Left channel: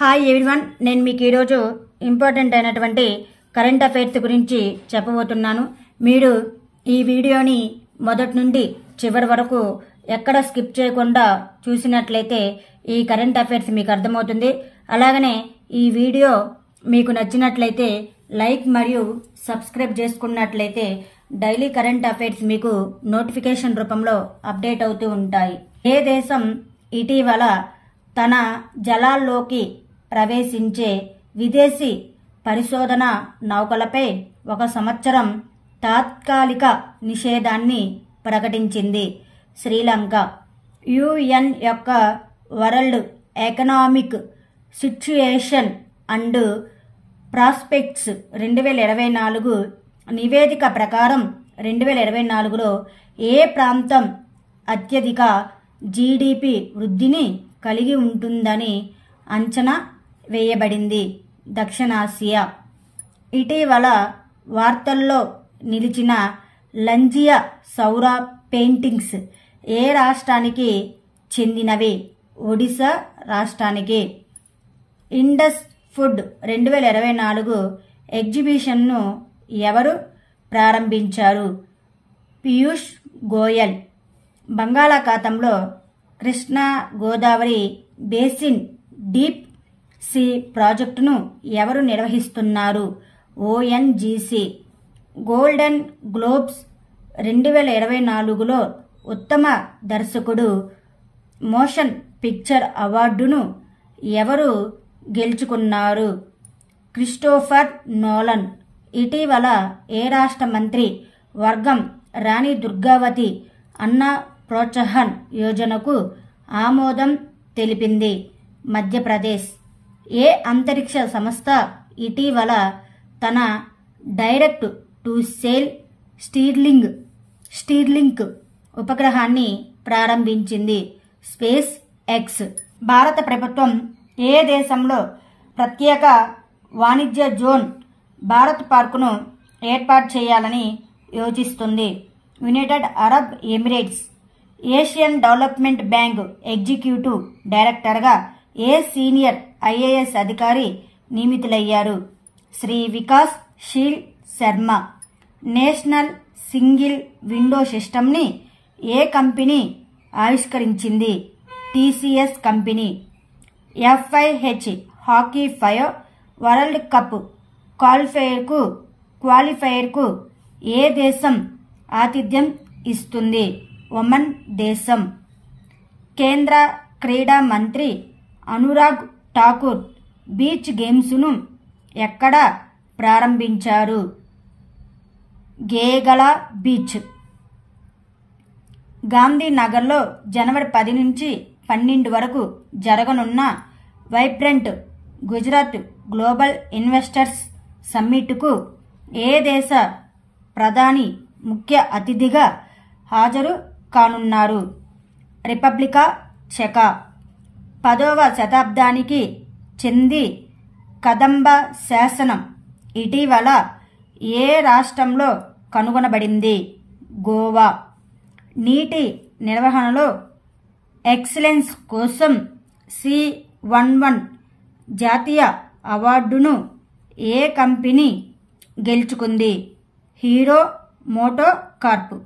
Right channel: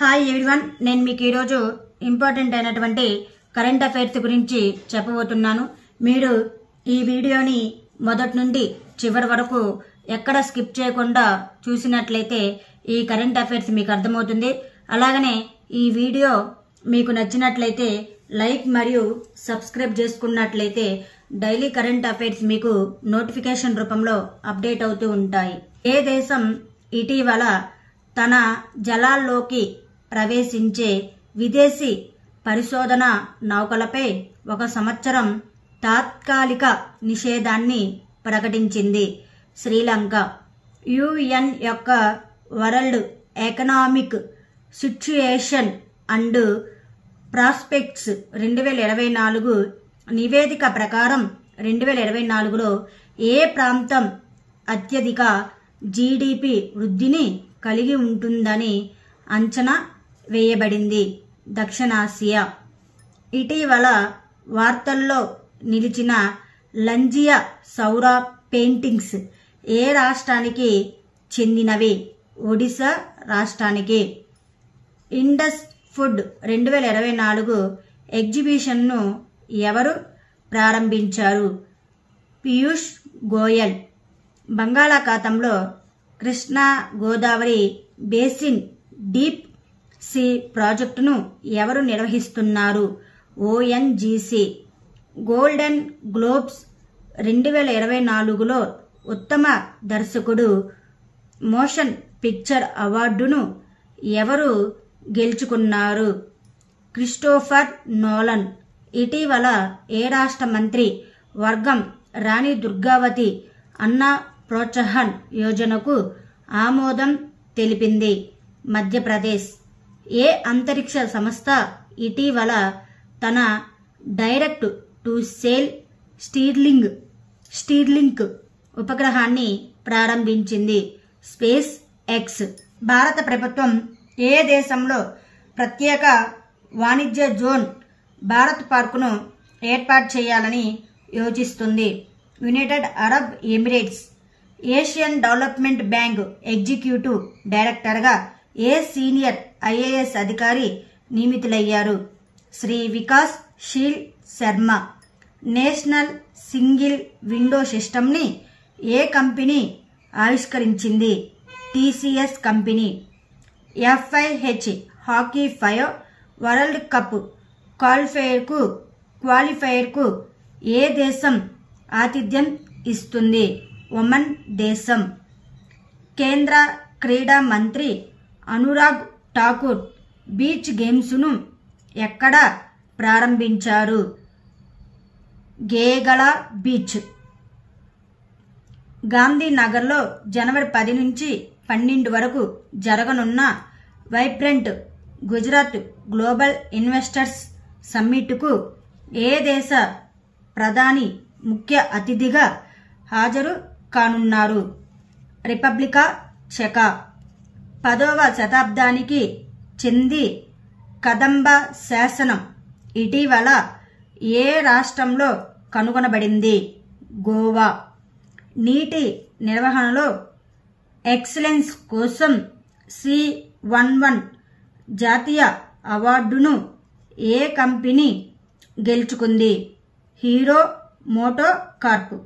Hi everyone, నేను మీకు ఈరోజు ఇంపార్టెంట్ అయినటువంటి కరెంట్ అఫైర్స్ గురించి చెప్పబోతున్నాను. మీరు ఈ వీడియోని మొదటి నుండి చివరి వరకు ఎక్కడ స్కిప్ చేయకుండా చూసినట్లయితే ఈ కరెంట్ అఫైర్స్ మీకు అర్థమవుతుంది. అలాగనే ఈ వీడియో మీకు నచ్చినట్లయితే లైక్ మరియు సబ్స్క్రైబ్ చేసుకున్నట్లయితే డైలీ కరెంట్ అఫైర్స్ మీకు నోటిఫికేషన్ రూపంలో అప్డేట్ అవుతూ ఉంటాయి. ఏ దేశం ఇటీవల తన జలాల్లోకి ప్రవేశించే విదేశీ పరిశోధన నౌకలపై 1 సంవత్సరం తాత్కాలిక నిషేధాన్ని ప్రకటించింది? శ్రీలంక. యుఎన్ యొక్క world economic situation and prospects 2024 నివేదిక ప్రకారం 2024లో ఏ ప్రాంతం అత్యధిక జీడీపీ వృద్ధిని కలిగి ఉంటుందని అంచనా వేయబడింది? దక్షిణాసియా. ఇటీవల వార్తల్లో నిలిచిన లంజియా సౌర పెయింటింగ్స్ ఏ రాష్ట్రానికి చెందినవి? ఒడిశా రాష్ట్రానికి. ఇండస్ ఫుడ్ 2024 ఎగ్జిబిషన్ను ఎవరు ప్రారంభించారు? పీయూష్ గోయల్. బంగాళాఖాతంలో Krishna Godavari basin deep sea ప్రాజెక్టును ఎవరు నిర్వహిస్తున్నారు? ఓఎన్జీసీ. గోల్డెన్ గ్లోబ్స్ 2024లో ఉత్తమ దర్శకుడు మోషన్ పిక్చర్ అవార్డును ఎవరు గెలుచుకున్నారు? Christopher Nolan. ఇటీవల ఏ రాష్ట్ర మంత్రి వర్గం రాణి దుర్గావతి అన్న ప్రోత్సాహన్ యోజనకు ఆమోదం తెలిపింది? మధ్యప్రదేశ్. ఏ అంతరిక్ష సంస్థ ఇటీవల తన డైరెక్ట్ టు సెల్ స్టీర్లింక్ ఉపగ్రహాన్ని ప్రారంభించింది? Space X. భారత ప్రభుత్వం ఏ దేశంలో ప్రత్యేక వాణిజ్య జోన్ భారత్ పార్కును ఏర్పాటు చేయాలని యోచిస్తుంది? United Arab Emirates. Asian Development Bank executive డైరెక్టర్గా ఏ సీనియర్ ఐఏఎస్ అధికారి నియమితులయ్యారు? Shri Vikas Sheel Sharma. National single window సిస్టమ్ని ఏ కంపెనీ ఆవిష్కరించింది? TCS company. FIH hockey 5 world cup క్వాలిఫైయర్కు ఏ దేశం ఆతిథ్యం ఇస్తుంది? ఒమన్ దేశం. కేంద్ర క్రీడా మంత్రి అనురాగ్ ఠాకూర్ బీచ్ గేమ్స్ను ఎక్కడ ప్రారంభించారు? గేగలా బీచ్. గాంధీనగర్లో జనవరి 10 నుంచి 12 వరకు జరగనున్న వైబ్రెంట్ గుజరాత్ గ్లోబల్ ఇన్వెస్టర్స్ సమ్మిట్కు ఏ దేశ ప్రధాని ముఖ్య అతిథిగా హాజరు కానున్నారు? రిపబ్లికా చెకా. 10వ శతాబ్దానికి చెంది కదంబ శాసనం ఇటీవల ఏ రాష్ట్రంలో కనుగొనబడింది? గోవా. నీటి నిర్వహణలో ఎక్సలెన్స్ కోసం C11 జాతీయ అవార్డును ఏ కంపెనీ గెలుచుకుంది? Hero Moto Corp.